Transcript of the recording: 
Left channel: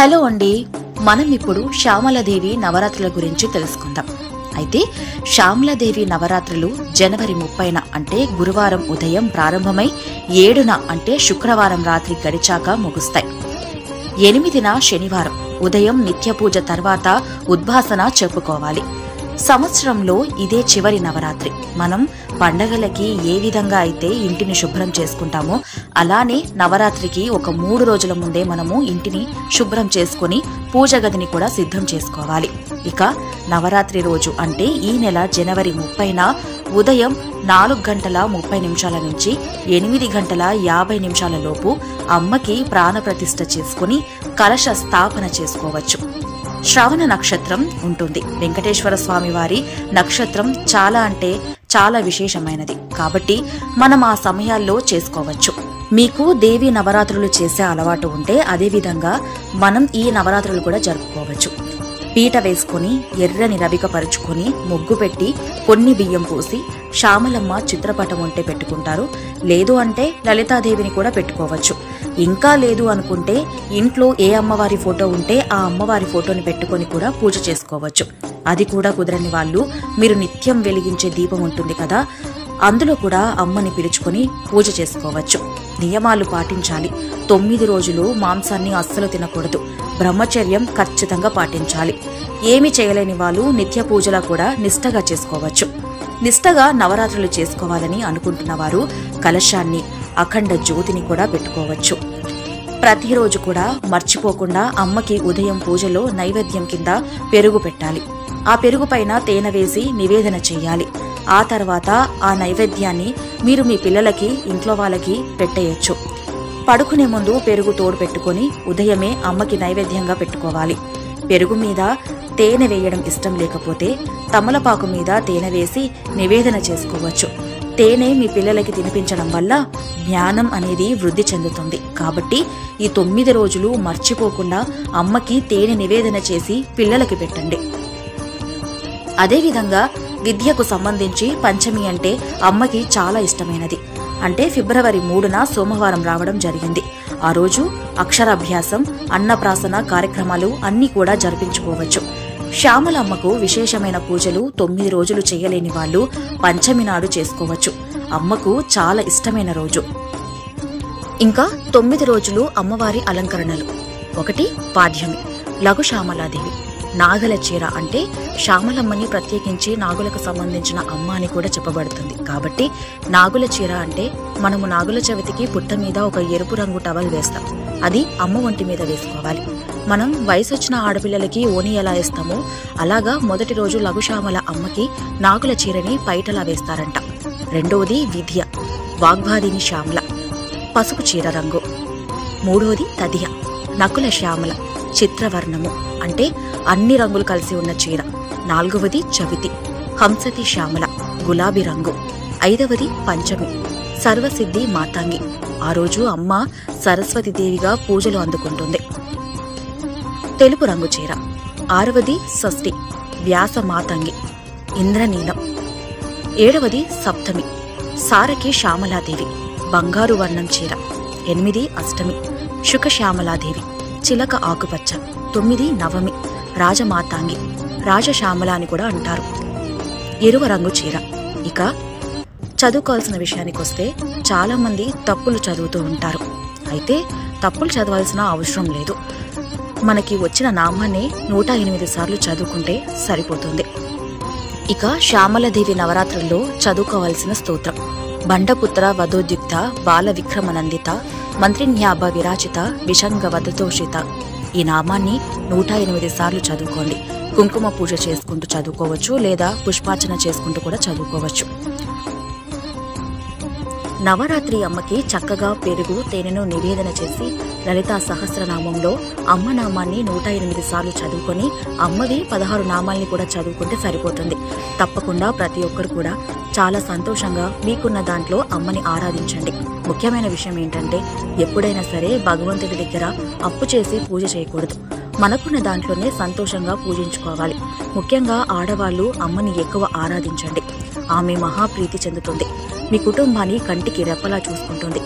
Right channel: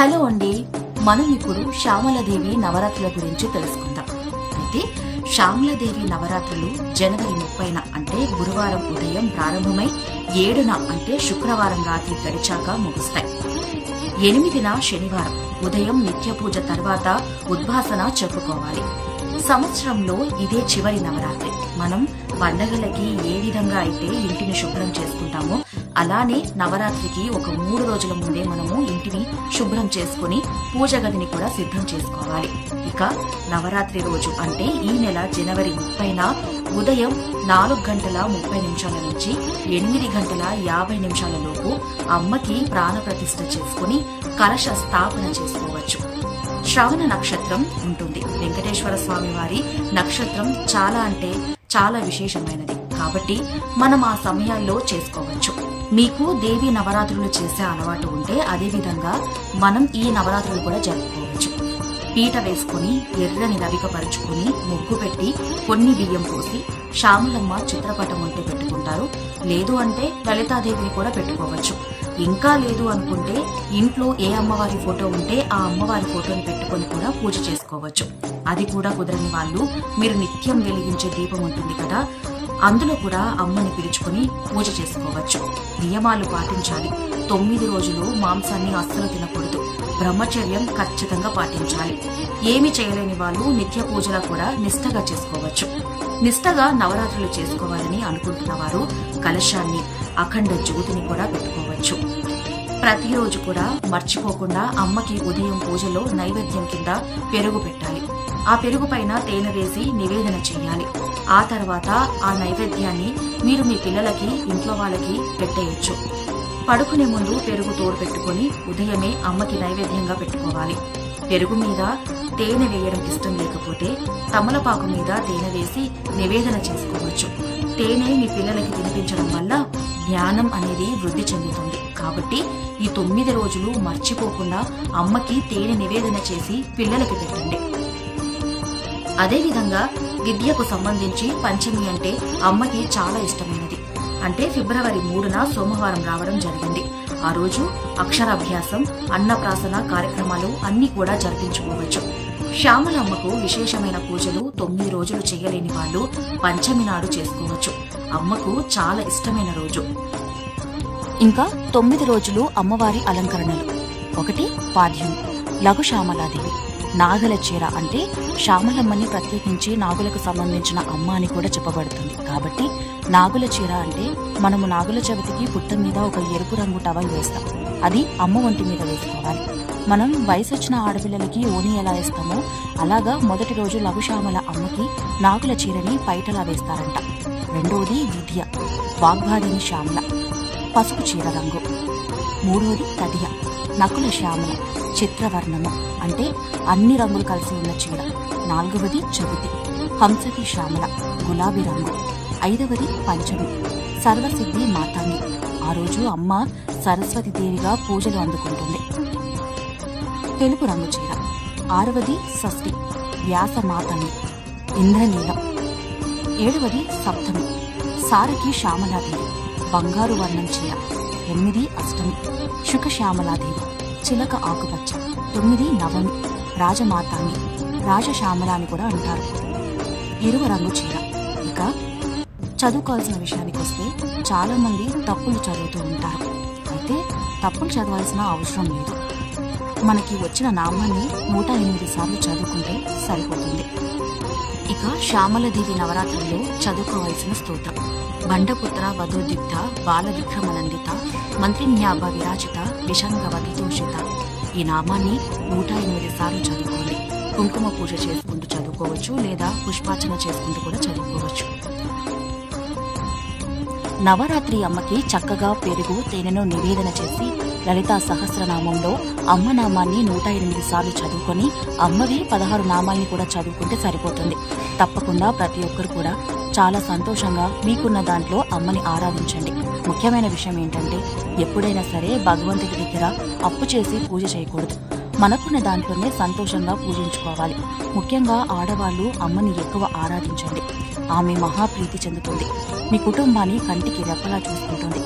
Hello అండి, మనం ఇప్పుడు శ్యామలాదేవి నవరాత్రుల గురించి తెలుసుకుందాం. అయితే శ్యామలాదేవి నవరాత్రులు జనవరి 30న అంటే గురువారం ఉదయం ప్రారంభమై 7న అంటే శుక్రవారం రాత్రి గడిచాక ముగుస్తాయి. 8న శనివారం ఉదయం నిత్య పూజ తర్వాత ఉద్భాసన చెప్పుకోవాలి. సంవత్సరంలో ఇదే చివరి నవరాత్రి. మనం పండగలకి ఏ విధంగా అయితే ఇంటిని శుభ్రం చేసుకుంటామో అలానే నవరాత్రికి ఒక 3 రోజుల ముందే మనము ఇంటిని శుభ్రం చేసుకుని పూజ గదిని కూడా సిద్ధం చేసుకోవాలి. ఇక నవరాత్రి రోజు అంటే ఈ నెల జనవరి 30న ఉదయం 4:30 నుంచి 8:50 లోపు అమ్మకి ప్రాణప్రతిష్ఠ చేసుకుని కలశ స్థాపన చేసుకోవచ్చు. శ్రవణ నక్షత్రం ఉంటుంది. వెంకటేశ్వర స్వామి వారి నక్షత్రం చాలా విశేషమైనది కాబట్టి మనం ఆ సమయాల్లో చేసుకోవచ్చు. మీకు దేవి నవరాత్రులు చేసే అలవాటు ఉంటే అదే విధంగా మనం ఈ నవరాత్రులు కూడా జరుపుకోవచ్చు. పీట వేసుకుని ఎర్రని రవిక పరుచుకుని ముగ్గు పెట్టి కొన్ని బియ్యం పోసి శ్యామలమ్మ చిత్రపటం ఉంటే పెట్టుకుంటారు. లేదు అంటే లలితాదేవిని కూడా పెట్టుకోవచ్చు. ఇంకా లేదు అనుకుంటే ఇంట్లో ఏ అమ్మవారి ఫోటో ఉంటే ఆ అమ్మవారి ఫోటోని పెట్టుకుని కూడా పూజ చేసుకోవచ్చు. అది కూడా కుదరని వాళ్ళు మీరు నిత్యం వెలిగించే దీపం ఉంటుంది కదా, అందులో కూడా అమ్మని పిలుచుకొని పూజ చేసుకోవచ్చు. నియమాలు పాటించాలి. 9 రోజులు మాంసాన్ని అస్సలు తినకూడదు. బ్రహ్మచర్యం ఖచ్చితంగా పాటించాలి. ఏమి చేయలేని వాళ్ళు నిత్య పూజలా కూడా నిష్టగా చేసుకోవచ్చు. నిష్టగా నవరాత్రులు చేసుకోవాలని అనుకుంటున్న వారు కలశాన్ని అఖండ జ్యోతిని కూడా పెట్టుకోవచ్చు. ప్రతిరోజు కూడా మర్చిపోకుండా అమ్మకి ఉదయం పూజలో నైవేద్యం కింద పెరుగు పెట్టాలి. ఆ పెరుగు పైన తేనె వేసి నివేదన చేయాలి. ఆ తర్వాత ఆ నైవేద్యాన్ని మీరు మీ పిల్లలకి ఇంట్లో వాళ్ళకి పెట్టేయచ్చు. పడుకునే ముందు పెరుగు తోడు పెట్టుకుని ఉదయమే అమ్మకి నైవేద్యంగా పెట్టుకోవాలి. పెరుగు మీద తేనె వేయడం ఇష్టం లేకపోతే తమలపాకు మీద తేనె వేసి నివేదన చేసుకోవచ్చు. తేనె మీ పిల్లలకి తినిపించడం వల్ల జ్ఞానం అనేది వృద్ధి చెందుతుంది. కాబట్టి ఈ 9 రోజులు మర్చిపోకుండా అమ్మకి తేనె నివేదన చేసి పిల్లలకి పెట్టండి. అదేవిధంగా విద్యకు సంబంధించి పంచమి అంటే అమ్మకి చాలా ఇష్టమైనది. అంటే ఫిబ్రవరి 3న సోమవారం రావడం జరిగింది. ఆ రోజు అక్షరాభ్యాసం, అన్నప్రాసన కార్యక్రమాలు అన్నీ కూడా జరిపించుకోవచ్చు. శ్యామలమ్మకు విశేషమైన పూజలు 9 రోజులు చేయలేని వాళ్ళు పంచమి నాడు చేసుకోవచ్చు. అమ్మకు చాలా ఇష్టమైన రోజు. ఇంకా 9 రోజులు అమ్మవారి అలంకరణలు. 1 పాడ్యమి, లఘు శ్యామలాదేవి. నాగల చీర అంటే శ్యామలమ్మని ప్రత్యేకించి నాగులకు సంబంధించిన అమ్మ అని కూడా చెప్పబడుతుంది. కాబట్టి నాగుల చీర అంటే మనము నాగుల చవితికి పుట్ట మీద ఒక ఎరుపు రంగు టవల్ వేస్తాం. అది అమ్మ ఒంటి మీద వేసుకోవాలి. మనం వయసొచ్చిన ఆడపిల్లలకి ఓని ఎలా వేస్తామో అలాగా మొదటి రోజు లఘుశ్యామల అమ్మకి నాగుల చీరని పైటలా వేస్తారంట. 2వది విద్య, వాగ్వాదిని శ్యామల, పసుపు చీర రంగు. 3వది తదియ, నకుల శ్యామల, చిత్రవర్ణము అంటే అన్ని రంగులు కలిసి ఉన్న చీర. 4వది చవితి, హంసతి శ్యామల, గులాబీ రంగు. 5వది పంచమి, సర్వసిద్ధి మాతాంగి. ఆ రోజు అమ్మ సరస్వతీదేవిగా పూజలు అందుకుంటుంది. తెలుపు రంగు చీర. 6వది షష్ఠి, వ్యాస మాతంగి, ఇంద్రనీలం. 7వది సప్తమి, సారకి శ్యామలాదేవి, బంగారు వర్ణం చీర. 8 అష్టమి, శుక శ్యామలాదేవి, చిలక ఆకుపచ్చ. 9 నవమి, రాజమాతాంగి, రాజశ్యామల అని కూడా అంటారు, ఎరువ రంగు చీర. ఇక చదువుకోవాల్సిన విషయానికి వస్తే చాలా మంది తప్పులు చదువుతూ ఉంటారు. అయితే తప్పులు చదవాల్సిన అవసరం లేదు. మనకి వచ్చిన నామాన్ని 108 సార్లు చదువుకుంటే సరిపోతుంది. ఇక శ్యామలాదేవి నవరాత్రుల్లో చదువుకోవాల్సిన స్తోత్రం: బండపుత్ర వధోద్యుక్త బాల విక్రమనందిత మంత్రిజ్ఞాభ విరాచిత విషంగ వదతోషిత. ఈ నామాన్ని 108 సార్లు చదువుకోండి. కుంకుమ పూజ చేసుకుంటూ చదువుకోవచ్చు, లేదా పుష్పార్చన చేసుకుంటూ కూడా చదువుకోవచ్చు. నవరాత్రి అమ్మకి చక్కగా పెరుగు తేనెను నివేదన చేసి లలితా సహస్రనామంలో అమ్మ నామాన్ని 108 సార్లు చదువుకొని అమ్మవి 16 నామాల్ని కూడా చదువుకుంటే సరిపోతుంది. తప్పకుండా ప్రతి ఒక్కరు కూడా చాలా సంతోషంగా మీకున్న దాంట్లో అమ్మని ఆరాధించండి. ముఖ్యమైన విషయం ఏంటంటే ఎప్పుడైనా సరే భగవంతుడి దగ్గర అప్పు చేసి పూజ చేయకూడదు. మనకున్న దాంట్లోనే సంతోషంగా పూజించుకోవాలి. ముఖ్యంగా ఆడవాళ్లు అమ్మని ఎక్కువ ఆరాధించండి. ఆమె మహాప్రీతి చెందుతుంది. మీ కుటుంబాన్ని కంటికి రెప్పలా చూసుకుంటుంది.